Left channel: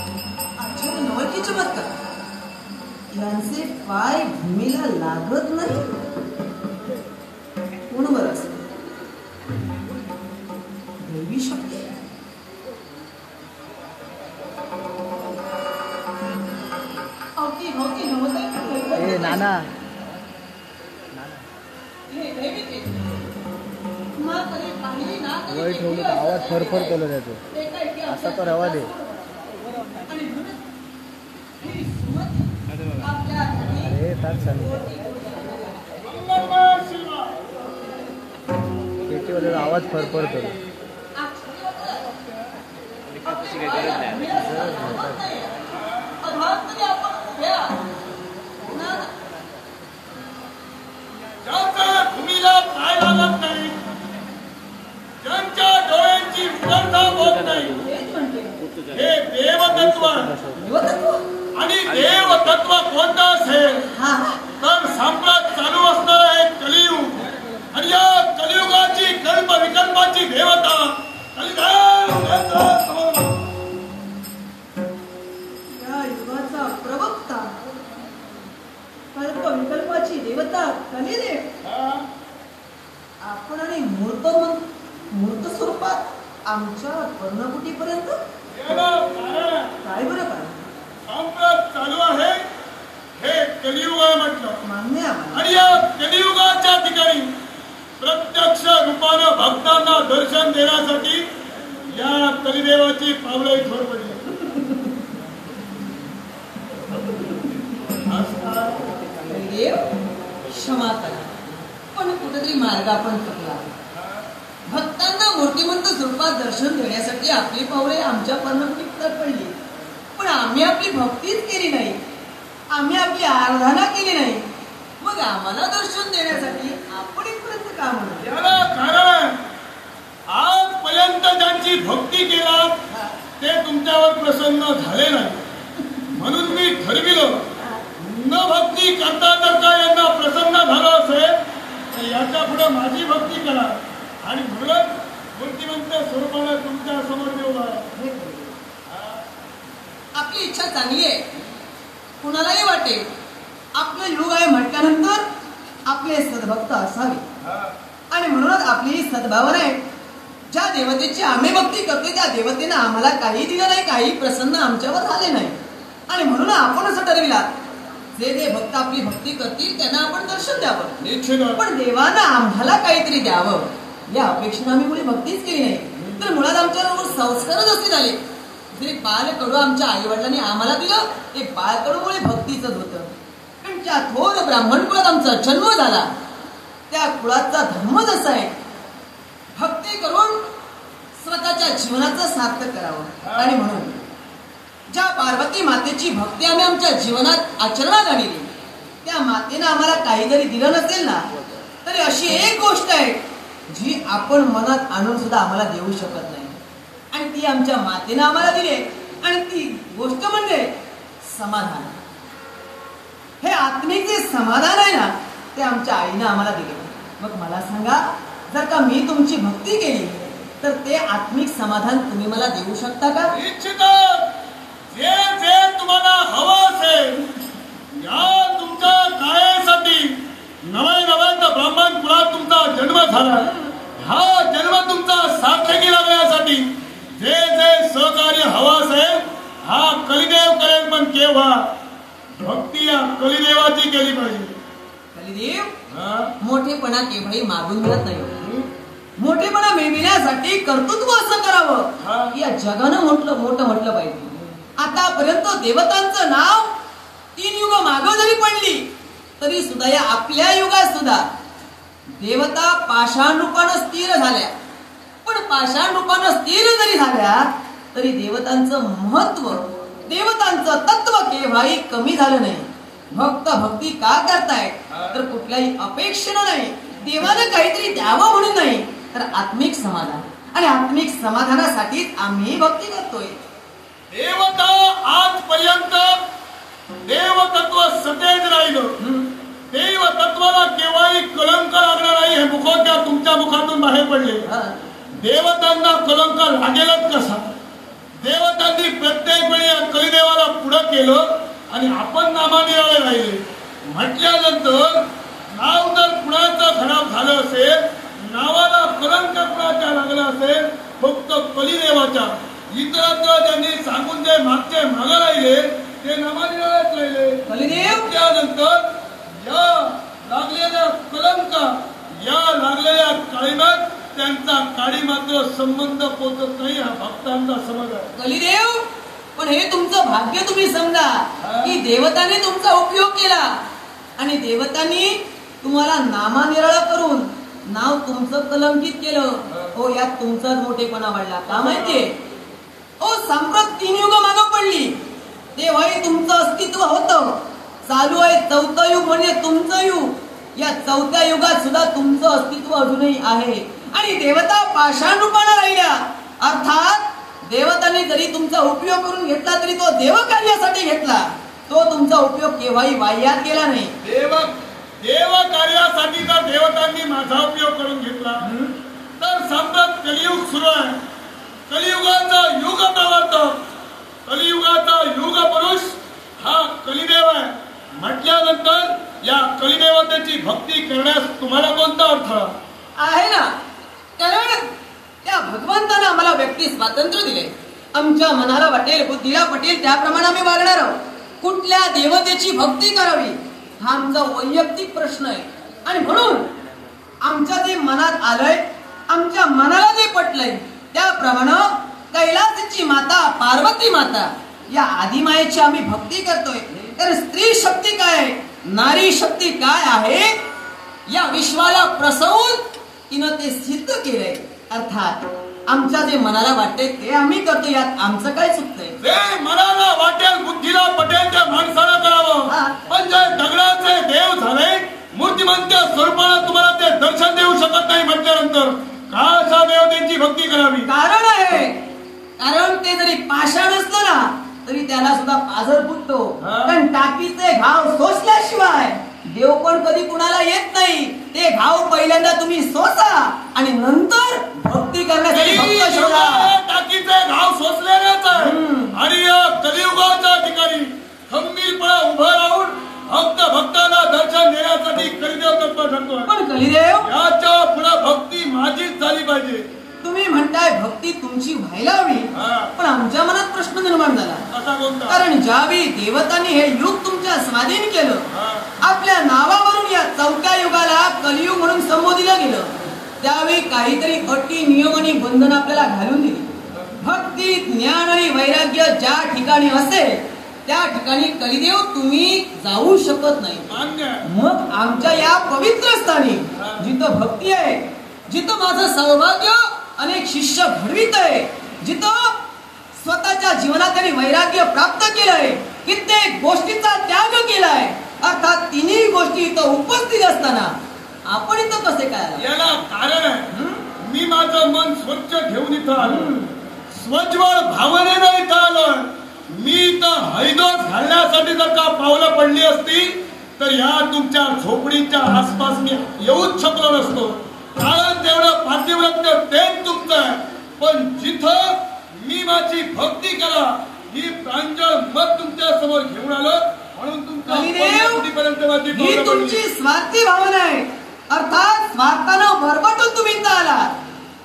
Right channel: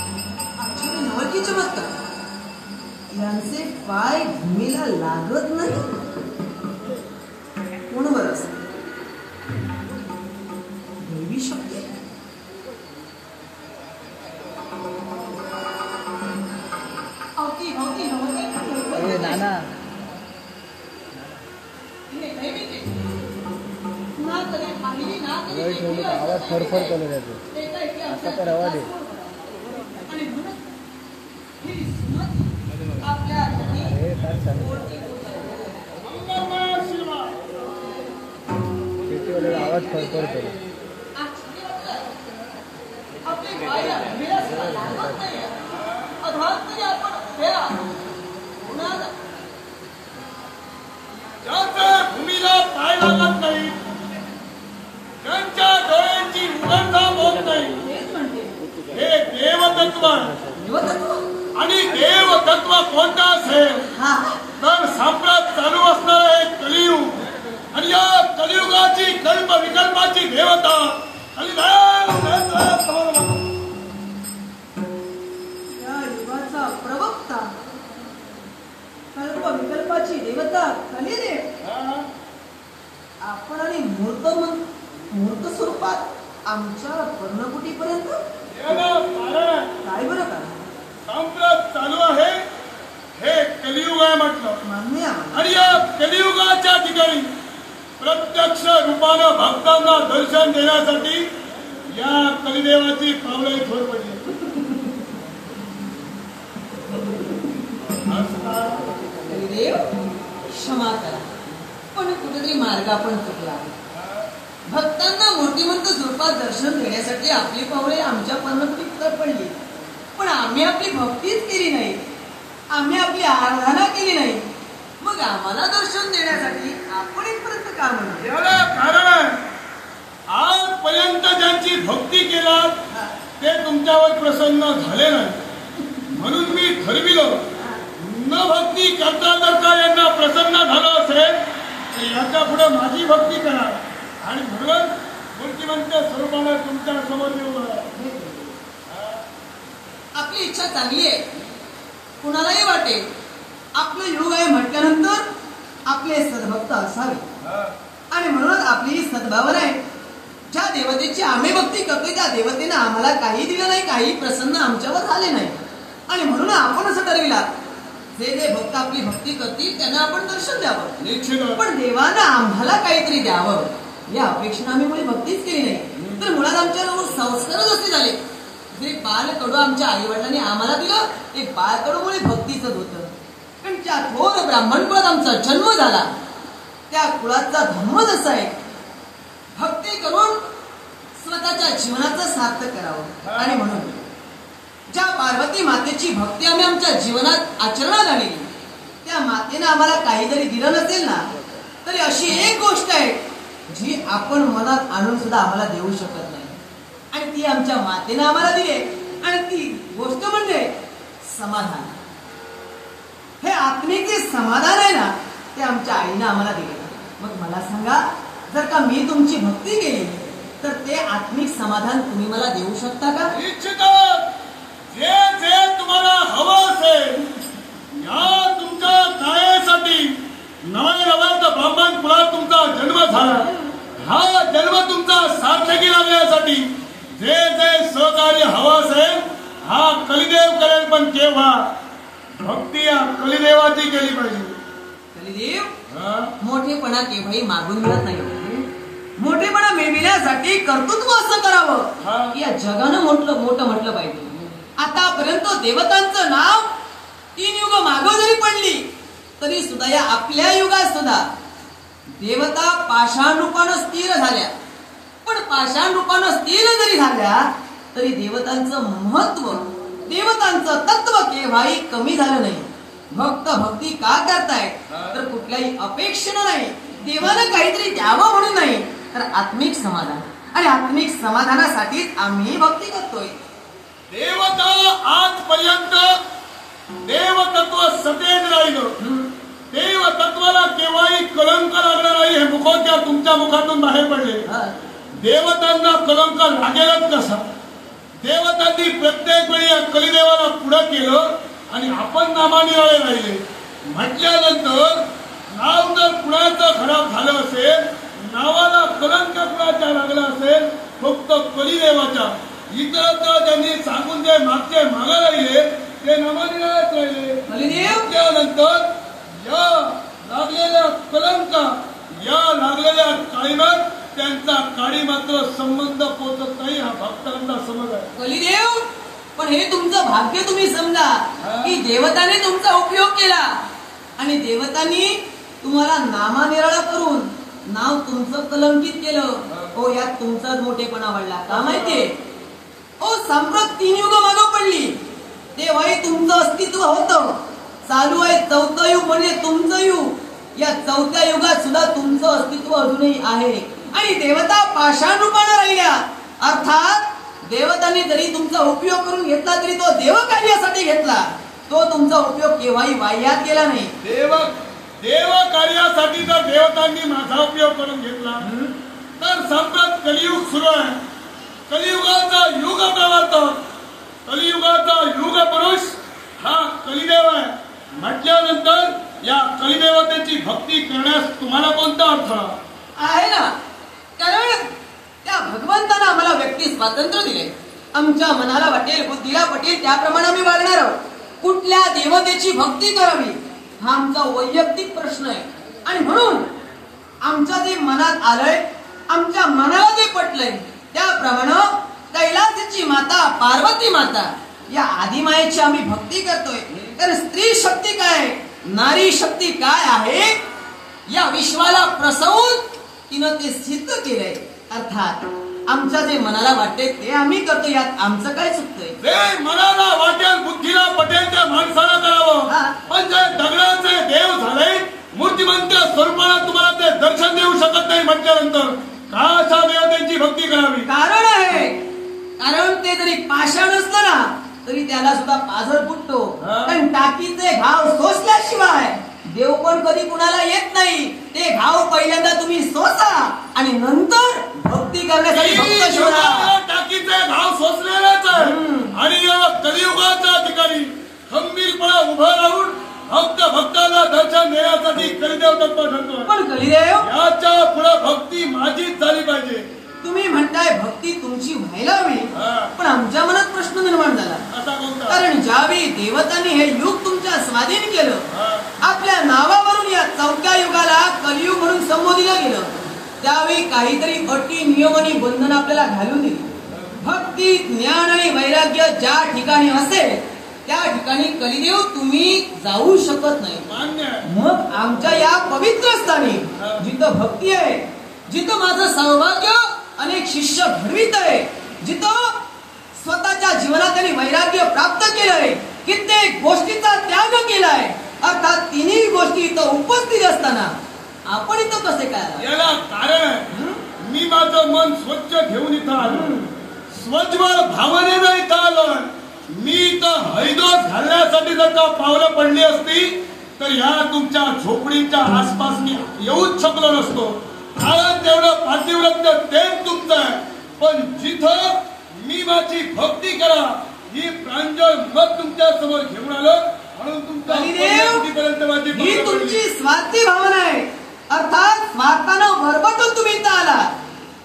नवकी चमत्कार यांचे पाय भूमीला लागत नाही कोण बरं असत देवी शक्ती नाना ठेवलं तर आवाज फरफर कलर येतो असा तर आवाज आहे अरे ताच शेतीवाल्याला आवाज फरफर करू भूमीला पाय लागत नाही ज्यांच्या डोळ्यांची उघडता होत नाही हे देवतत्व आणि देवतत्व कोणतं असेल तर साम्राज्य चालू असणारा एक कलियुग आणि या कलियुगाची कल्प विकल्पाची देवता या युगाचा प्रवक्ता कल्प विकल्पाची देवता कलिदेव आपण आणि मूर्त स्वरूपात आमच्या कर्णकुटीपर्यंत काय बरं करा साम्राज्य चालू आहे हे कलियुग आहे म्हटलं मान्य आणि या कलियुगाच्या ठिकाणी प्रत्यक्ष रूपानं भक्तांना दर्शन देण्यासाठी या कलिदेवाची पावलं इथवर पडली देव क्षमा करा पण कुठेतरी मार्ग आपण चुकला भक्तांना मोठीमंत स्वरूपात दर्शन देण्यासाठी आपली पावले आमच्या पर्वतीत पडली पण आम्ही आपली भक्तीच केली नाही आम्ही आपली आराधना केली नाही मग आम्हाला दर्शन देण्यासाठी आपण इथपर्यंत का म्हणा याला कारण आहे आजपर्यंत ज्यांची भक्ती केलात ते तुमच्यावर प्रसन्न झाले नाही म्हणून मी ठरविलो न भक्ती करता जर का यांना प्रसन्न झालं असेल तर याच्या पुढे माझी भक्ती करा आणि म्हणून मूर्तिमंत स्वरूपाला तुमच्या समोर येऊ आपली इच्छा चांगली आहे कुणालाही वाटेल आपलं युग आहे म्हटल्यानंतर आपले सद्भक्त असावे आणि म्हणूनच आपली ही सद्भावना आहे ज्या देवतेची आम्ही भक्ती करतोय त्या देवतेनं आम्हाला काही दिलं नाही काही प्रसन्न आमच्यावर झाले नाही आणि म्हणून आपण असं ठरविला जे जे भक्त आपली भक्ती करतील त्यांना आपण दर्शन द्यावं पण देवानं आम्हाला काहीतरी द्यावं या अपेक्षेनं आम्ही कोणी भक्तीच केली नाही तर मुळात आमच्यावर संस्कारच असे झाले जे बालकडू आमच्या आई वडिलांनी आम्हाला दिलं ते बालकडूमुळे भक्तीच होतं पण ज्या थोर ब्राह्मण कुळात आमचा जन्म झाला त्या कुळाचा धर्म जसा आहे भक्ती करून स्वतःच्या जीवनाचं सार्थक करावं आणि म्हणून ज्या पार्वती मातेची भक्ती आम्ही आमच्या जीवनात आचरणात आणली त्या मातेनं आम्हाला काही जरी दिलं नसेल ना तरी अशी एक गोष्ट आहे जी आपण मनात आणून सुद्धा आम्हाला देऊ शकत नाही आणि ती आमच्या मातेनं आम्हाला दिली आणि ती गोष्ट म्हणजे समाधान हे आत्मिक जे समाधान आहे ना ते आमच्या आईनं आम्हाला दिले मग मला सांगा जर का मी तुमची भक्ती केली तर ते आत्मिक समाधान तुम्ही मला देऊ शकता का जे जे तुम्हाला हवं असेल या तुमच्या कायासाठी नव्या ब्राह्मण कुळात तुमचा जन्म झाला हा जन्म तुमचा सार्थकी लागण्यासाठी जे जे सहकार्य हवं असेल हा कलिदेव करेल पण केव्हा भक्ती या कलिदेवाची केली पाहिजे कलिदेव मोठेपणा केव्हाही मागून मिळत नाही मोठेपणा मिळविण्यासाठी कर्तृत्व असं करावं या जगानं मोठं म्हटलं पाहिजे आतापर्यंत देवतांचं नाव 3 युग मागं जरी पडली तरी सुद्धा या आपल्या युगात सुद्धा देवता पाषाण रूपानं स्थिर झाल्या पण पाषाण रूपानं स्थिर जरी झाल्या तरी देवतांचं महत्व देवतांचं तत्व केव्हाही कमी झालं नाही भक्त भक्ती का करतायत तर कुठल्याही अपेक्षेनं नाही देवानं काहीतरी द्यावं म्हणून नाही तर आत्मिक समाधान आणि आत्मिक समाधानासाठीच आम्ही भक्ती करतोय देवता आजपर्यंत देवतत्व सतेज राहिलं देवतत्वाला केव्हाही कलंक लागला नाही हे मुखोद्या तुमच्या मुखातून बाहेर पडले देवतांना कलंक लागेलच कसा त्यासाठी प्रत्येक वेळी या कलिदेवाला पुढं केलं आणि आपण नामानिराळे राहिले म्हटल्यानंतर नाव जर कुणाचं खराब झालं असेल, नावाला कलंक कुणाच्या लागला असेल, फक्त कलिदेवाच्या, इतरत्र ज्यांनी सांगून जे मागचे मागे राहिले ते नामानिराळेच राहिले. कलिदेव त्यानंतर या लागलेल्या कलंका, या लागलेल्या काळीमात त्यांचा काळी मात्र संबंध पोचत नाही, हा भक्तांचा समज आहे. कलिदेव, पण हे तुमचं भाग्य तुम्ही समजा की देवताने तुमचा उपयोग केला आणि देवतांनी तुम्हाला नामानिराळ करून नाव तुमचं कलंकित केलं. हो, यात तुमचाच मोठेपणा वाढला. का माहितीये? हो, संप्रत 3 युग मागं पडली तेव्हाही तुमचं अस्तित्व होतं. चालू आहे 4थं युग म्हणजे तुमचं युग. या 4थ्या युगात सुद्धा तुमचं अस्तित्व अजूनही आहे आणि देवता पाषाण रूपाने राहिल्या. अर्थात देवतांनी जरी तुमचा उपयोग करून घेतला तरी तो देवकार्यासाठी घेतला. तो तुमचा उपयोग केव्हाही वाह्यात केला नाही. देव कार्यासाठी जर देवतांनी माझा उपयोग करून घेतला तर साम्राट कलियुग सुरू आहे. कलियुगाचा युग प्रवर्तक, कलियुगाचा युग पुरुष हा कलिदेव आहे. म्हटल्यानंतर या कलिदेवतेची भक्ती करण्यास तुम्हाला कोणता अर्थ आहे ना? कारण त्या भगवंतानं आम्हाला व्यक्ती स्वातंत्र्य दिले. आमच्या मनाला वाटेल, बुद्धीला पटेल त्याप्रमाणे आम्ही वागणार आहोत. कुठल्या देवतेची भक्ती करावी हा आमचा वैयक्तिक प्रश्न आहे आणि म्हणून आमच्या जे मनात आलंय, आमच्या मनाला जे पटलंय त्याप्रमाणे कैलासाची माता पार्वती माता या आदिमायेची आम्ही भक्ती करतोय. तर स्त्री शक्ती काय, नारी शक्ती काय आहे या विश्वाला प्रसवून तिनं ते सिद्ध केलंय. अर्थात आमच्या जे मनाला वाटते ते आम्ही करतो, यात आमचं काय चुकतंय? ते मनाला वाटेल, बुद्धीला पटेल त्या माणसाला करावं. पण जे दगडाचे देव झाले, मूर्तिमंत स्वरूपाला तुम्हाला ते दर्शन देऊ शकत नाही म्हटल्यानंतर का अशा देवतेची भक्ती करावी? कारण आहे, कारण ते जरी पाषाण असलं ना तरी त्याला सुद्धा पाझर फुटतो. पण टाकीचे घाव सोसल्याशिवाय देव पण कधी कुणाला येत नाही. ते घाव पहिल्यांदा तुम्ही सोसा आणि नंतर भक्ती करण्यासाठी भक्त शोधा. टाकीचे घाव सोसलेलाच आहे आणि या कलियुगाच्या ठिकाणी खंबीरपणे उभं राहून भक्ताला दर्शन देण्यासाठी कलिदेव तत्पर ठरतो. पण कलिदेव, याच्या पुढे भक्ती माझीच झाली पाहिजे. तुम्ही म्हणताय भक्ती तुमची व्हायला हवी, पण आमच्या मनात प्रश्न निर्माण झाला. कारण ज्यावेळी देवतांनी हे युग तुमच्या स्वाधीन केलं, आपल्या नावावरून या 4थ्या युगाला कलियुग म्हणून संबोधिलं गेलं, त्यावेळी काहीतरी अटी नियम आणि बंधन आपल्याला घालून दिली. भक्ती, ज्ञान आणि वैराग्य ज्या ठिकाणी असेल त्या ठिकाणी कलिदेव तुम्ही जाऊ शकत नाही. मग आमच्या या पवित्र स्थानी जिथं भक्ती आहे, जिथं माझं सौभाग्य अनेक शिष्य घडवीत आहे, जिथं स्वतःच्या जीवनात त्यांनी वैराग्य प्राप्त केलंय, कित्येक गोष्टीचा त्याग केलाय, अर्थात 3ही गोष्टी इथं उपस्थित असताना आपण इथं कसे काय? याला कारण आहे, मी माझं मन स्वच्छ घेऊन इथं आलो, स्वच्छवळ भावनेनं इथं आलोय. मी इथं हैदोस घालण्यासाठी जर का पावलं पडली असती तर या तुमच्या झोपडीच्या आसपास मी येऊच शकलो नसतो. कारण तेवढं पातिव्रत्य तेच तुमचं आहे. पण जिथं मी माझी भक्ती करा ही प्रांजळ मत तुमच्या समोर घेऊन आलो, म्हणून तुमचा ही तुमची स्वार्थी भावना आहे. अर्थात स्वार्थानं भरभटून तुम्ही इथं आला.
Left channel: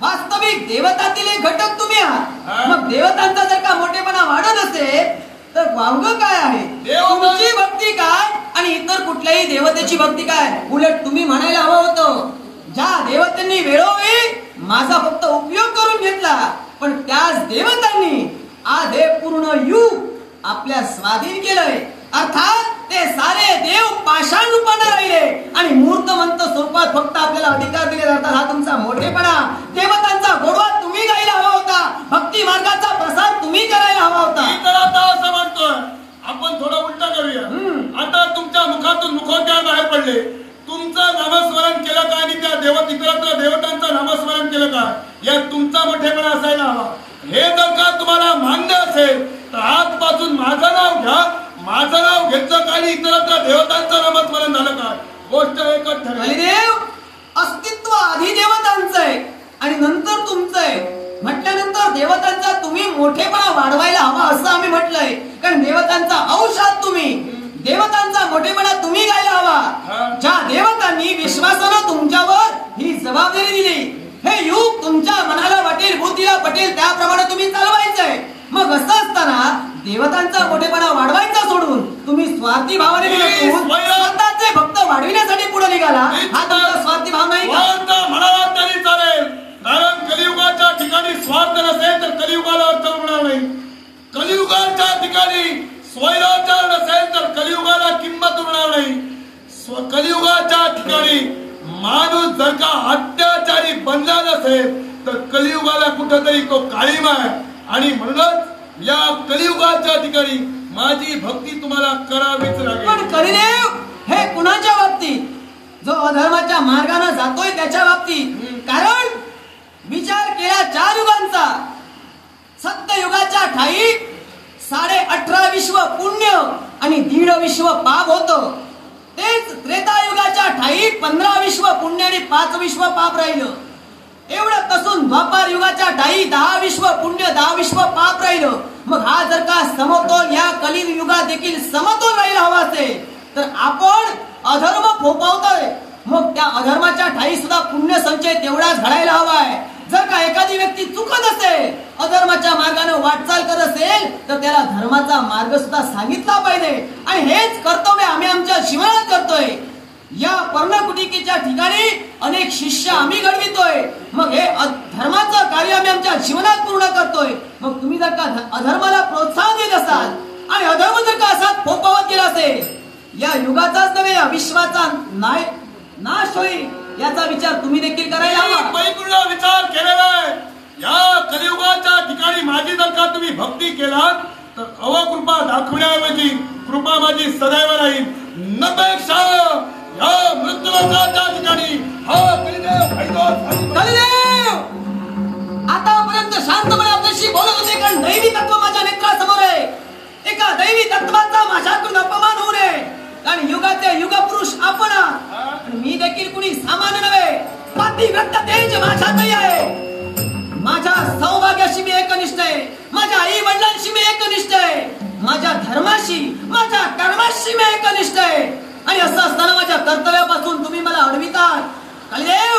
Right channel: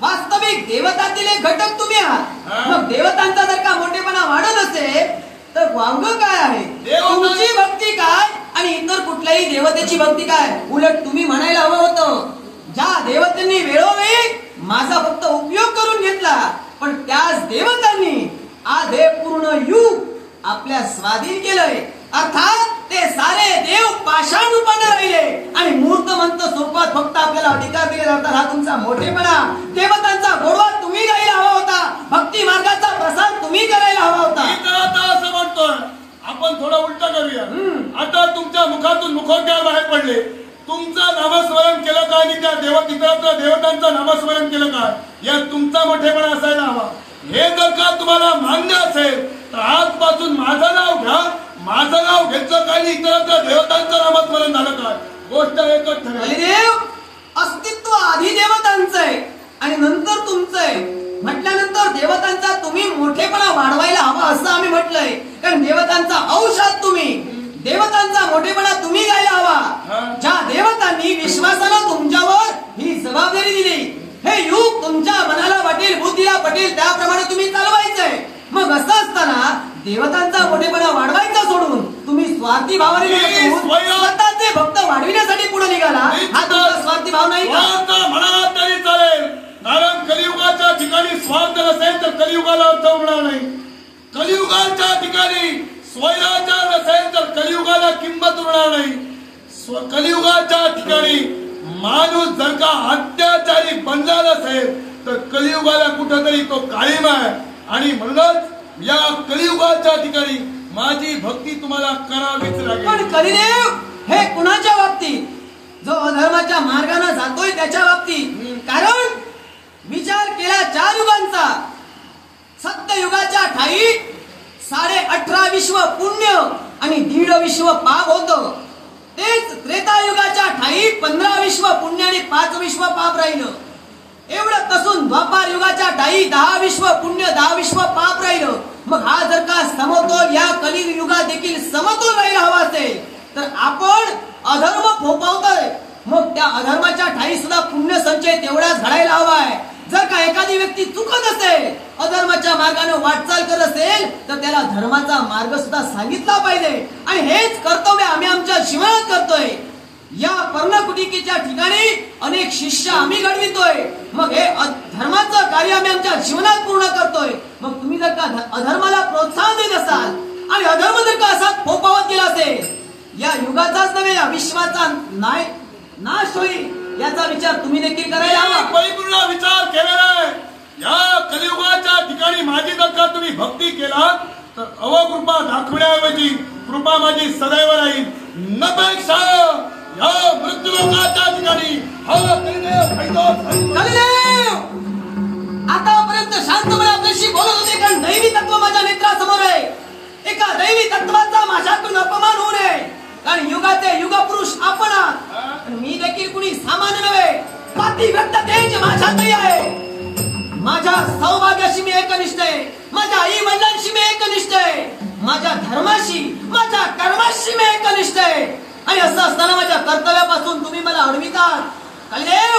वास्तविक देवतातील एक घटक तुम्ही आहात. मग देवतांचा जर का मोठेपणा वाढत असेल तर वांग काय आहे? तुमची भक्ती काय आणि इतर कुठल्याही देवतेची भक्ती काय? उलट तुम्ही म्हणायला हवं होतं, ज्या देवतांनी वेळोवेळी माझा फक्त उपयोग करून घेतला, पण त्याच देवतांनी आज हे पूर्ण युग आपल्या स्वाधीन केलंय. अर्थात ते सारे देव पाषाण रूपाने राहिले आणि मूर्तमंत स्वरूपात फक्त आपल्याला अधिकार दिले जातात. हा तुमचा मोठेपणा, देवतांचा गोडवा तुम्ही घ्यायला हवा होता, भक्ती मार्गाचा प्रसार तुम्ही करायला हवा होता. तर आता असं म्हणतोय आपण थोडं उलट करूया. आता तुमच्या मुखातून मुखोद्गार बाहेर पडले, तुमचं नामस्मरण केलं काय आणि त्या इतरत्र देवतांचं नामस्मरण केलं काय, या तुमचा मोठेपणा असायला हवा. हे जर का तुम्हाला मान्य असेल तर आजपासून माझं नाव घ्या. माझं नाव घेतलं काय, इतरत्र देवतांचं नामस्मरण झालं काय, गोष्ट एकच ठरली. अस्तित्व आधी देवतांचं आहे आणि नंतर तुमचं आहे म्हटल्यानंतर देवतांचा तुम्ही मोठेपणा वाढवायला हवा देवतांचा अंश आहात तुम्ही. देवतांचा मोठेपणा तुम्ही गायला हवा. ज्या देवतांनी विश्वासानं तुमच्यावर ही जबाबदारी दिली, हे युग तुमच्या मनाला वाटेल, बुद्धीला पटेल त्याप्रमाणे तुम्ही चालवायचंय. मग असं असताना देवतांचा मोठेपणा वाढवायचा सोडून तुम्ही स्वार्थी भावाने स्वतःचे भक्त वाढविण्यासाठी पुढे निघाला. हा तुमचा स्वार्थी भाव नाही का? म्हणाला तरी चालेल, कारण कलियुगाच्या ठिकाणी स्वार्थ नसेल तर कलियुगाला अर्थ होणार नाही. कलियुगाच्या ठिकाणी स्वैराचार नसेल तर कलियुगाला किंमत उरणार नाही. कलियुगाच्या ठिकाणी माणूस जर का अत्याचारी बनला नसेल तर कलियुगाला कुठेतरी तो काळीमा आहे. आणि म्हणूनच या कलियुगाच्या ठिकाणी माझी भक्ती तुम्हाला करावीच लागेल. पण कलिदेव हे कुणाच्या बाबतीत? जो अधर्माच्या मार्गाने जातोय त्याच्या बाबतीत. कारण विचार केला 4 युगांचा. सत्ययुगाच्या ठाई 18.5 विश्व पुण्य आणि 1.5 विश्व पाप होतं. तेच त्रेतायुगाच्या ठाई 15 विश्व पुण्य आणि 5 विश्व पाप राहिलं. एवढं कसून द्वापार युगाच्या ठाई 10 विश्व पुण्य 10 विश्व पाप राहिलं. मग हा जर का समतोल या कलियुगात देखील समतोल राहायला हवा असेल तर आपण अधर्म फोपावतोय. मग त्या अधर्माच्या ठाई सुद्धा पुण्य संचय तेवढाच घडायला हवाय. जर का एखादी व्यक्ती चुकत असेल, अधर्माच्या मार्गाने वाटचाल करत असेल तर त्याला धर्माचा मार्ग सुद्धा सांगितला पाहिजे. आणि हेच कर्तव्य आम्ही आमच्या जीवनात करतोय. या पर्णकुटिकेच्या ठिकाणी अनेक शिष्य आम्ही घडवितोय. मग हे धर्माचं कार्य आम्ही आमच्या जीवनात पूर्ण करतोय. मग तुम्ही जर का अधर्माला प्रोत्साहन देत असाल आणि अधर्म जर का असा फोपावत गेला असेल, या युगाचाच नव्हे या विश्वाचा नाश होईल याचा विचार तुम्ही देखील करायला हवा. परिपूर्ण विचार केलेला आहे. या कलियुगाच्या ठिकाणी माझी जर का तुम्ही भक्ती केला तर अवकृपा दाखवण्याऐवजी कृपा माझी सदैव राहील. नपेक्षा या मृत्यूलोकाच्या ठिकाणी कलिदेव आतापर्यंत शांतपणे आपल्याशी बोलत होते, कारण दैवी तत्व माझ्या नेत्रासमोर आहे. एका दैवी तत्वाचा माझ्याकडून अपमान होऊ नये. कारण युगाचे युगपुरुष आपण आहात. मी देखील कुणी सामान्य नव्हे, पातिव्रत्यतेच माझ्यातही आहे. माझ्या सौभाग्याशी मी एकनिष्ठ आहे. माझ्या आई वडिलांशी मी एकनिष्ठ आहे. माझ्या धर्माशी माझ्या कर्माशी मी एकनिष्ठ आहे. आणि असं असताना माझ्या कर्तव्यापासून तुम्ही मला अडवितात. कलिदेव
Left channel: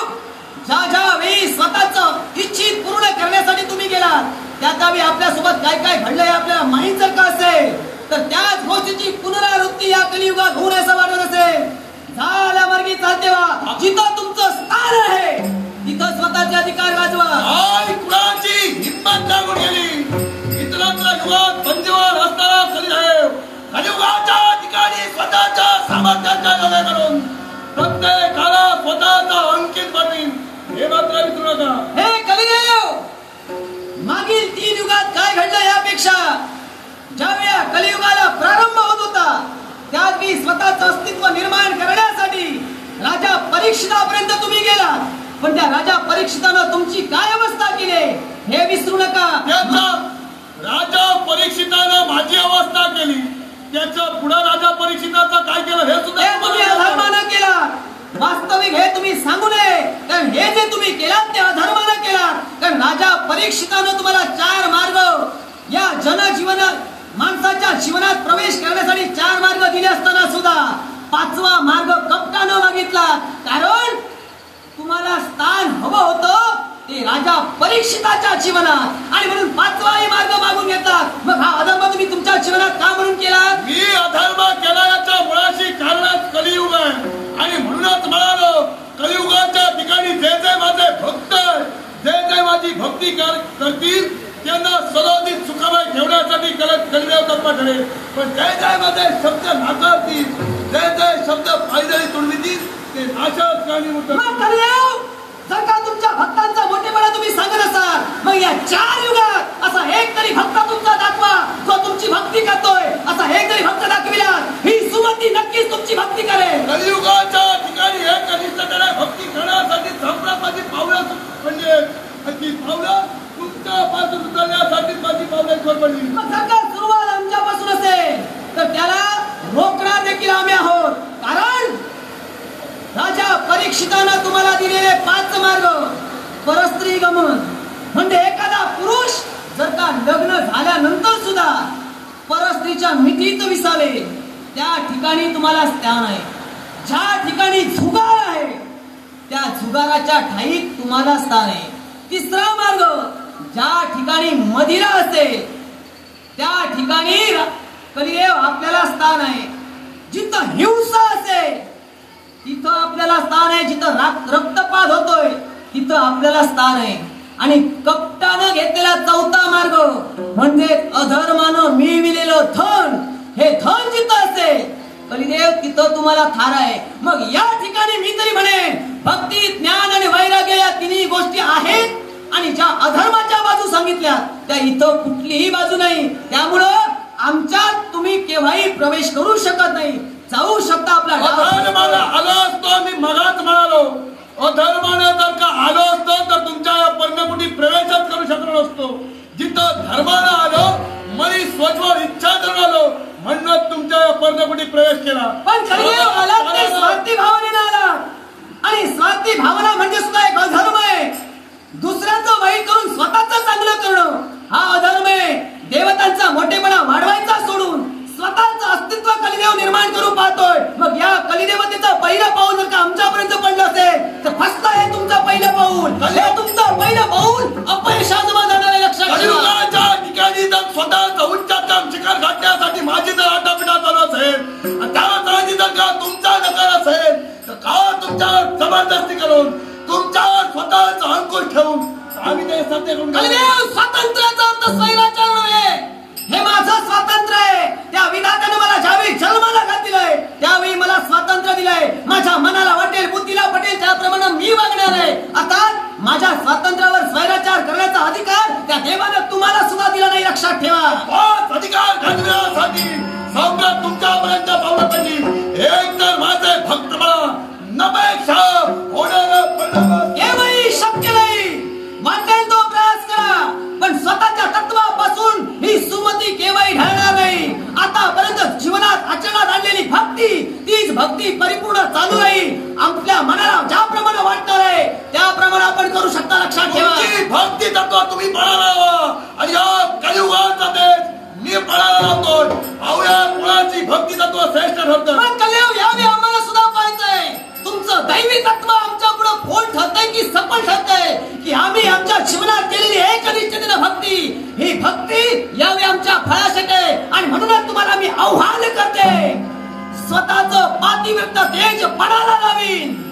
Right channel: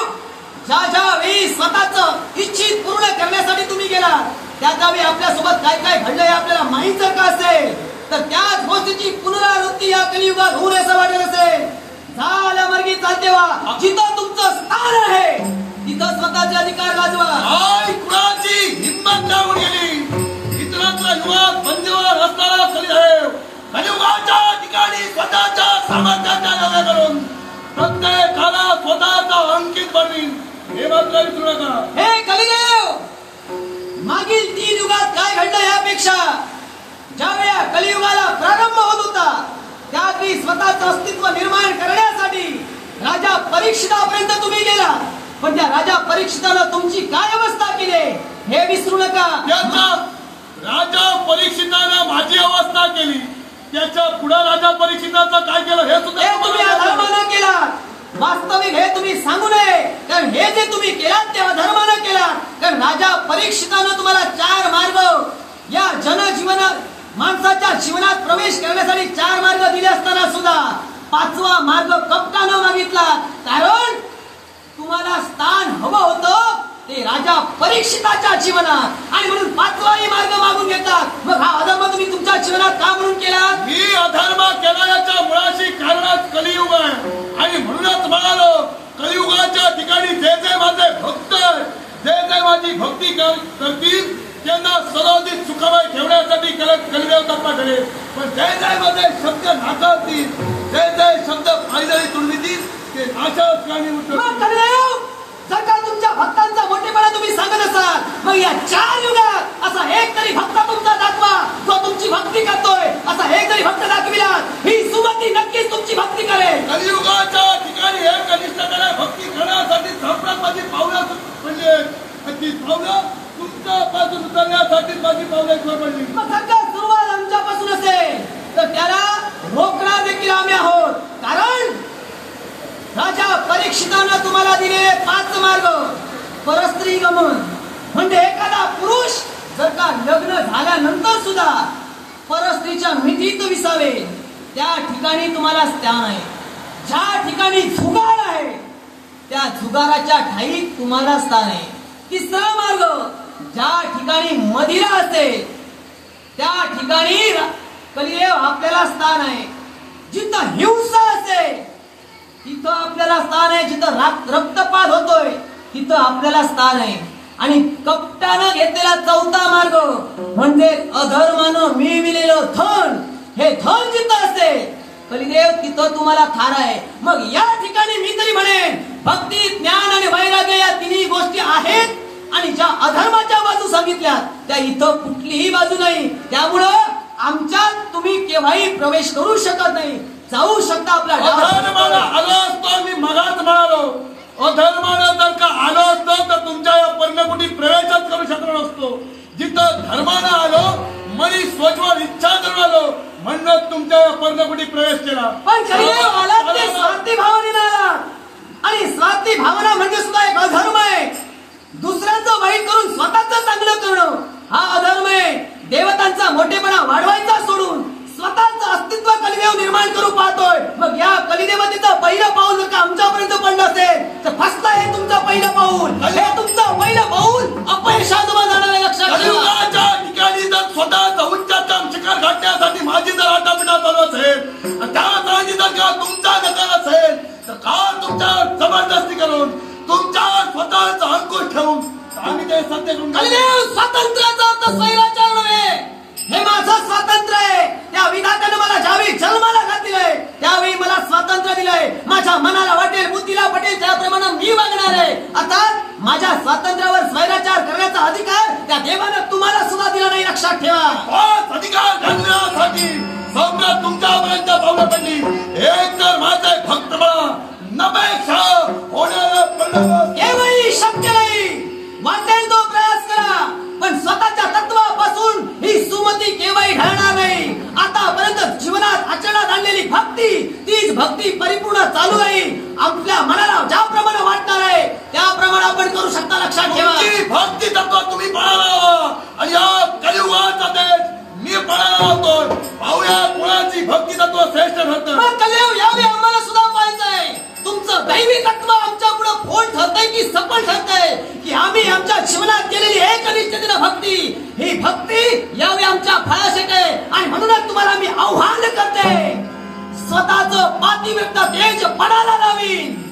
ज्या ज्या वेळी स्वतःच इच्छित पूर्ण करण्यासाठी तुम्ही गेलात त्या वेळी आपल्यासोबत काय काय घडलंय आपल्याला माहित जर का असेल तर त्याच गोष्टीची पुनरावृत्ती या कलियुगात होऊ नये वाटत असेल. झाल्या मार्गी चालते वा. जिथं तुमचं स्थान आहे तिथं स्वतःचे अधिकार गाजवा. कुणाची हिंमत लागून गेली. इतरांचा युगात बंदीवर असताना कलिदेव कलियुगाच्या ठिकाणी स्वतःच्या सामर्थ्याच्या नव्हे करून प्रत्येकाला स्वतःचा अंकित बनवीन हे मात्र विसरू नका. हे कलिदेव मागील 3 युगात काय घडलं यापेक्षा ज्यावेळा कलियुगाला प्रारंभ होत होता त्यावेळी स्वतःचं अस्तित्व निर्माण करण्यासाठी राजा परीक्षितापर्यंत तुम्ही गेला. पण त्या राजा परीक्षितानं तुमची काय अवस्था केली हे विसरू नका. राजा परीक्षितानं माझी अवस्था केली. त्याच्या पुढे राजा परीक्षिताचं काय केलं हे सुद्धा तुम्ही अधर्मानं केला. वास्तविक हे तुम्ही सांगू नये, कारण हे जे तुम्ही केलात ते अधर्मानं केला. कारण राजा परीक्षितानं तुम्हाला 4 मार्ग या जनजीवनात माणसाच्या जीवनात प्रवेश करण्यासाठी 4 मार्ग दिले असताना सुद्धा 5वा मार्ग कपटानं मागितला. कारण तुम्हाला स्थान हवं होतं ते राजा परीक्षिताच्या जीवनात आणि म्हणून 5वाही मार्ग मागून घेतात. मग हा अधर्म तुम्ही तुमच्या जीवनात का म्हणून केला? मी अधर्म केला याच्या मुळाशी कारणात कलियुग आहे. आणि म्हणूनच म्हणालो कलियुगाच्या ठिकाणी जे जे माझे भक्त जे जे माझी भक्ती करतील त्यांना सर्वाधिक सुखमय ठेवण्यासाठी कलिदेव तप्पा ठरेल. पण जे जे माझे शब्द नाकारतील जे जे शब्द फायदेही तुडवितील ते नाशाच कलिदेव. जर का तुमच्या भक्तांचा मोठेपणा तुम्ही सांगत असाल मग या 4 युगात असा एक तरी भक्त तुमचा दाखवा जो तुमची भक्ती करतोय. असा एक तरी भक्त दाखविला ही सुमती नक्कीच तुमची भक्ती करेल. कलियुगाच्या ठिकाणी हे कनिष्ठतेने भक्ती करण्यासाठी माझी पावलं म्हणजे ती पावलं तुमच्यापासून उतरण्यासाठी माझी पावलं जोर पडली. मग जर का सुरुवात आमच्यापासून असेल तर त्याला रोखणार देखील आम्ही आहोत. कारण राजा परीक्षितानं तुम्हाला दिलेले 5 मार्ग. परस्त्री गमन म्हणजे एखादा पुरुष जर का लग्न झाल्यानंतर सुद्धा परस्त्रीच्या मिठीत विसावे त्या ठिकाणी तुम्हाला स्थान आहे. ज्या ठिकाणी झुगार आहे त्या झुगाराच्या ठाईत तुम्हाला स्थान आहे. तिसरा मार्ग, ज्या ठिकाणी मदिरा असेल त्या ठिकाणी कलिदेव आपल्याला स्थान आहे. जिथं हिंसा असेल तिथं आपल्याला स्थान आहे. जिथं रक्तपात होतोय तिथं आपल्याला स्थान आहे. आणि कपटानं घेतलेला चौथा मार्ग म्हणजे अधर्मानं मिळविलेलं धन, हे धन जिथं असेल कलिदेव तिथं तुम्हाला थार आहे. मग या ठिकाणी मी तरी म्हणेन भक्ती, ज्ञान आणि वैराग्य या तिन्ही गोष्टी आहेत. आणि ज्या अधर्माच्या बाजू सांगितल्या त्या इथं कुठलीही बाजू नाही. त्यामुळं आमच्यात तुम्ही केव्हाही प्रवेश करू शकत नाही. जाऊ शकता आपला आलो असतो मी मगाच म्हणालो, अधर्माला जर का आलो असतो तर तुमच्या या पर्णकुटी प्रवेशच करू शकलो नसतो. जिथं धर्मानं आलो, मनी स्वच्छ इच्छा करून आलो म्हणून तुमच्या या पर्णकुटी प्रवेश केला. पण स्वार्थी भावनेनं आला. आणि स्वार्थी भावना म्हणजे सुद्धा एक अधर्म आहे. दुसऱ्यांचं वाईट करून स्वतःच चांगलं करणं हा अधर्म आहे. देवतांचा मोठेपणा वाढवायचा सोडून स्वतःचं अस्तित्व कलिदेव निर्माण करू पाहतोय. मग या कलिदेवतेचं पहिलं पाऊल जर का आमच्यापर्यंत पडलं असेल तर फसला हे तुमचं पहिलं पाऊल. हे तुमचं पहिलं पाऊल अपयशात जाणार आहे. लक्षात ठेवा. ठिकाणी जर स्वतःचा उच्चाचा शिखर गाठण्यासाठी माझी जर आटापिटा चालू असेल, त्याच राजी जर का तुमचा नकार असेल तर का तुमच्या जबरदस्ती करून तुमच्या स्वतःचा अंकुश ठेवून आम्ही ते सत्य करून स्वातंत्र्याचा अर्थ स्वैराचार नव्हे. हे माझं स्वातंत्र्य आहे. त्या विधात्यानं मला ज्यावेळी जन्माला घातलंय त्यावेळी मला स्वातंत्र्य दिलंय. माझ्या मनाला वाटेल, बुद्धीला पटेल त्याप्रमाणे मी वागणार आहे. आता माझ्या स्वातंत्र्यावर स्वैराचार करण्याचा अधिकार त्या देवानं तुम्हाला सुद्धा दिला नाही. लक्षात ठेवा. अधिकार घालण्यासाठी सम्राट तुमच्यापर्यंत पावलं पडली. एक तर माझे भक्त म्हणा नपेक्षा होणारा केव्हाही शक्य नाही. वाटेल तो प्रयास करा पण स्वतःच्या तत्वापासून ही सुमती केव्हाही ढळणार नाही. आतापर्यंत जीवनात आचरणात आणलेली भक्ती तीच भक्ती परिपूर्ण चालू राहील. आपल्या मनाला ज्याप्रमाणे वाटणार आहे त्याप्रमाणे आपण करू शकता. लक्षात ठेवा. भक्ती तत्व तुम्ही पळाला आणि या कलियुगाचा देश मी पळाला होतो. पाहुया कुणाची भक्ती तत्व श्रेष्ठ ठरतं. कलियुग यावेळी आम्हाला सुद्धा पाहायचंय तुमचं दैवी तत्व आमच्या पुढे फोल ठरतंय की सफल ठरतंय की आम्ही आमच्या जीवनात केलेली एकनिष्ठतेनं भक्ती, ही भक्ती यावेळी आमच्या फळासाठी आहे. आणि म्हणूनच तुम्हाला मी आव्हान करते, स्वतःचं पातिव्रत्य तेज पणाला लावीन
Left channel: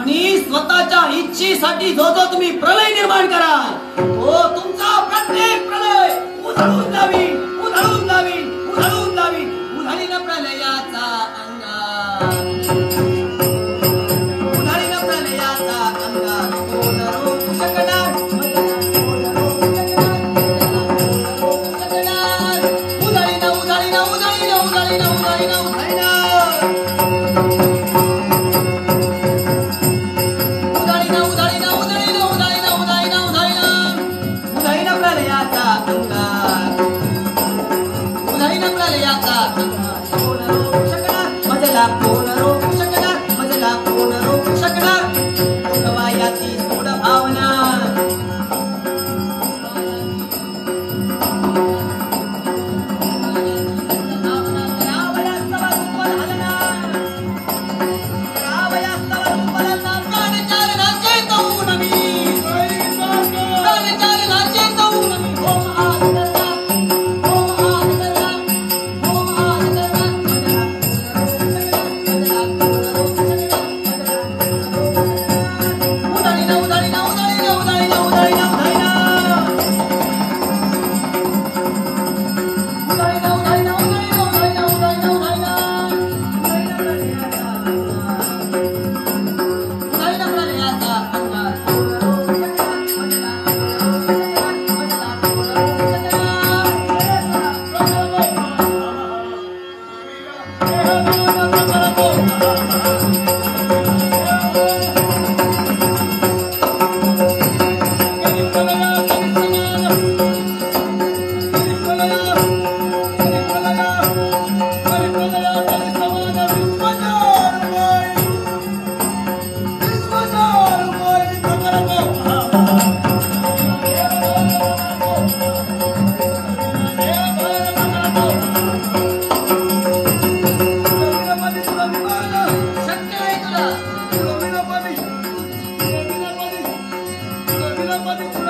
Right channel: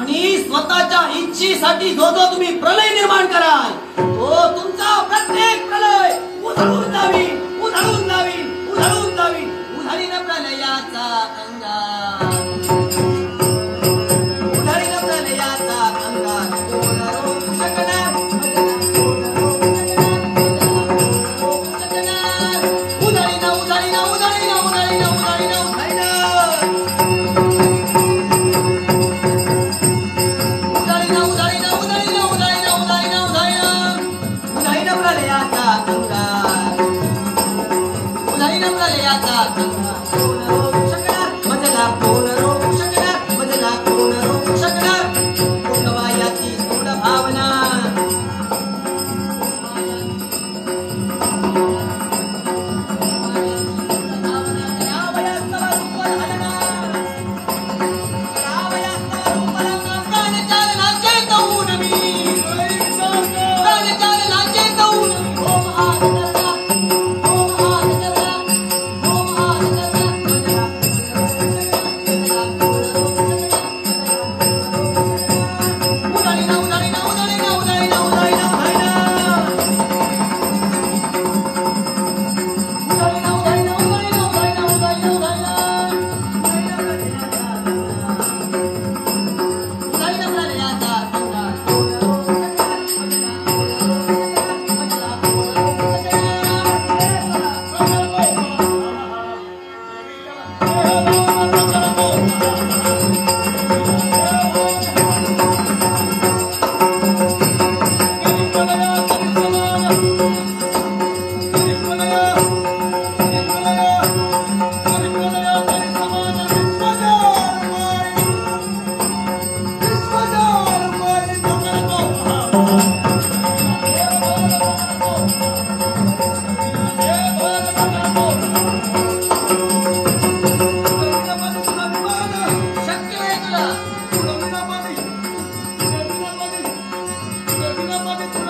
आणि स्वतःच्या इच्छेसाठी जो जो तुम्ही प्रलय निर्माण कराल तो तुमचा प्रत्येक प्रलय उधळून लावीन, उधळून लावीन, उधळून लावीन. उधळीन प्रलयाचा अंगार, उधळीन प्रलयाचा अंगार कोण रोखू शकणार. उधळीन, उधळीन, उधळीन, उधळीन, उधळीन, उधळीन. गणपती